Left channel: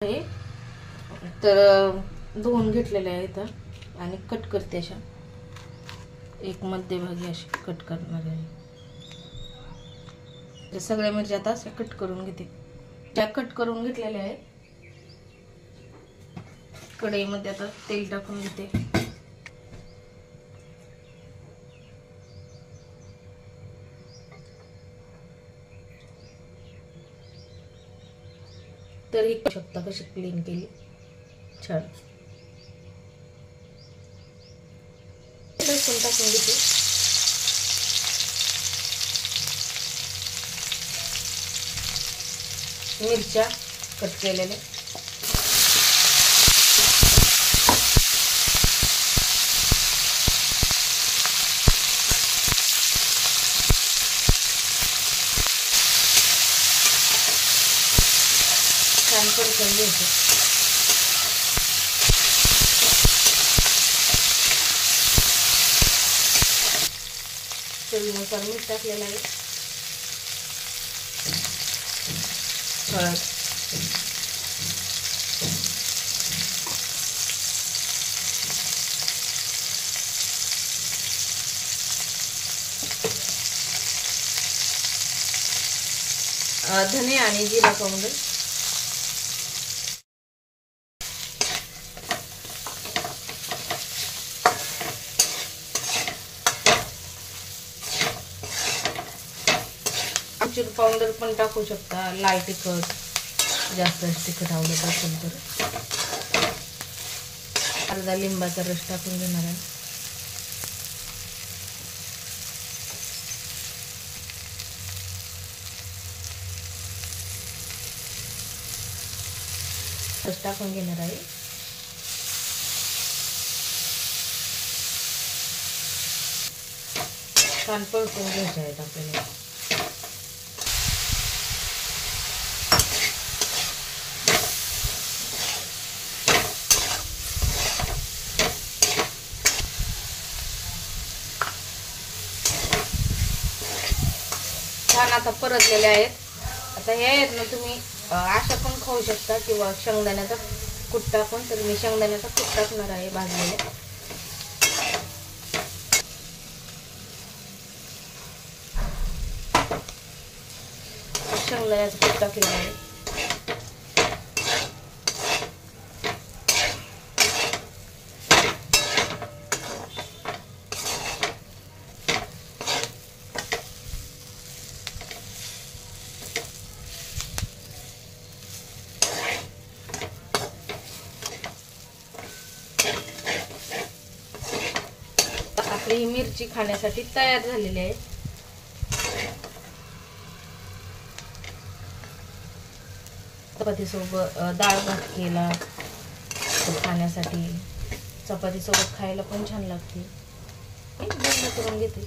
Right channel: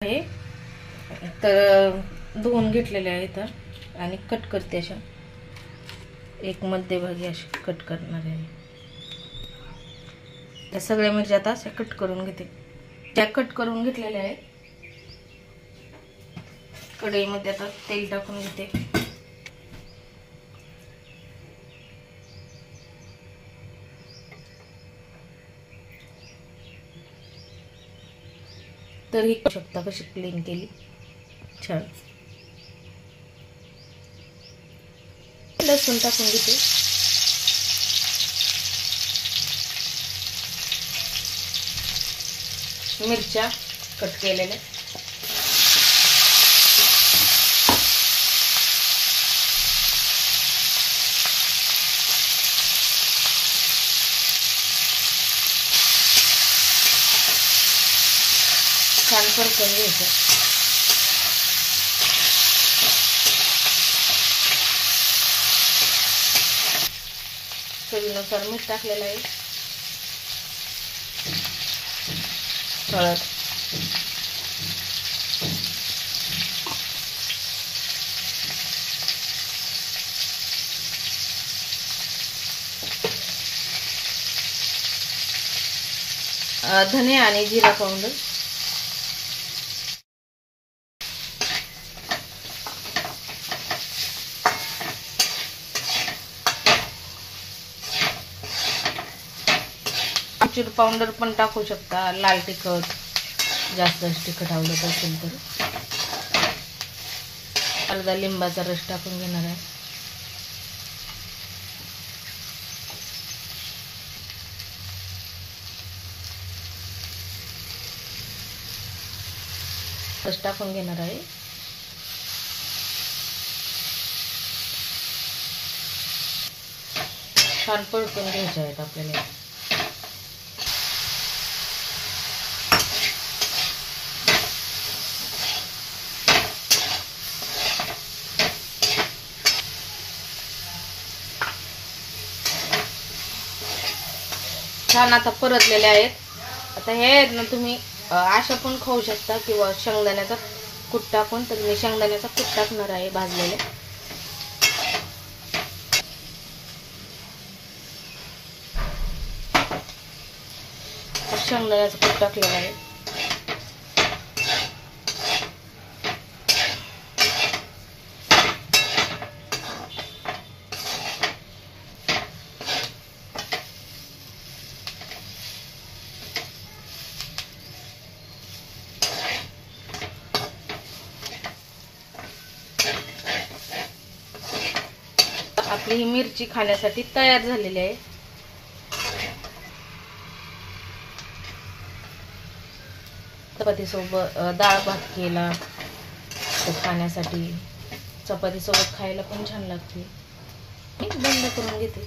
आहे तर धुवून घेतलेले आहेत आणि कट करते अशा एक मध्यभागी अशी कट करणार आहे। या सगळ्या मिरच्या आता अशा कट करून घेते। त्या कट करून घेतलेल्या आहेत। कढईमध्ये आता तेल टाकून घेते। तर ही पाहू शकता कशी क्लीन केली छान। लसूण टाकून घेते। मिरच्या कट केलेल्या छान परतून घ्यायचं। चवीनुसार मीठ टाकलेलं आहे। हळद, धने आणि जिरा पावडर, आमचूर पावडर पण टाकू शकता। लाल तिखट जास्त तिखट आवडत असेल तर अर्धा लिंबाचा रस टाकून घेणार आहे। रस टाकून घेणार आहे। छान परतून घ्यायचे आहेत आपल्याला। छान आता परतलेले आहेत। आता हे आहेत ना तुम्ही अशा पण खाऊ शकता किंवा शेंगदाण्याचा कूट टाकून। तर मी शेंगदाण्याचा कूट टाकणार आहे भाजलेले। शेंगदाण्याचा कूट टाकलेला आहे। आपली ही मिरची खाण्यासाठी तयार झालेली आहे। चपाती सोबत डाळ भात केला तर खाण्यासाठी चपाती सोबत खायला पण छान लागते। बंद करून घेते।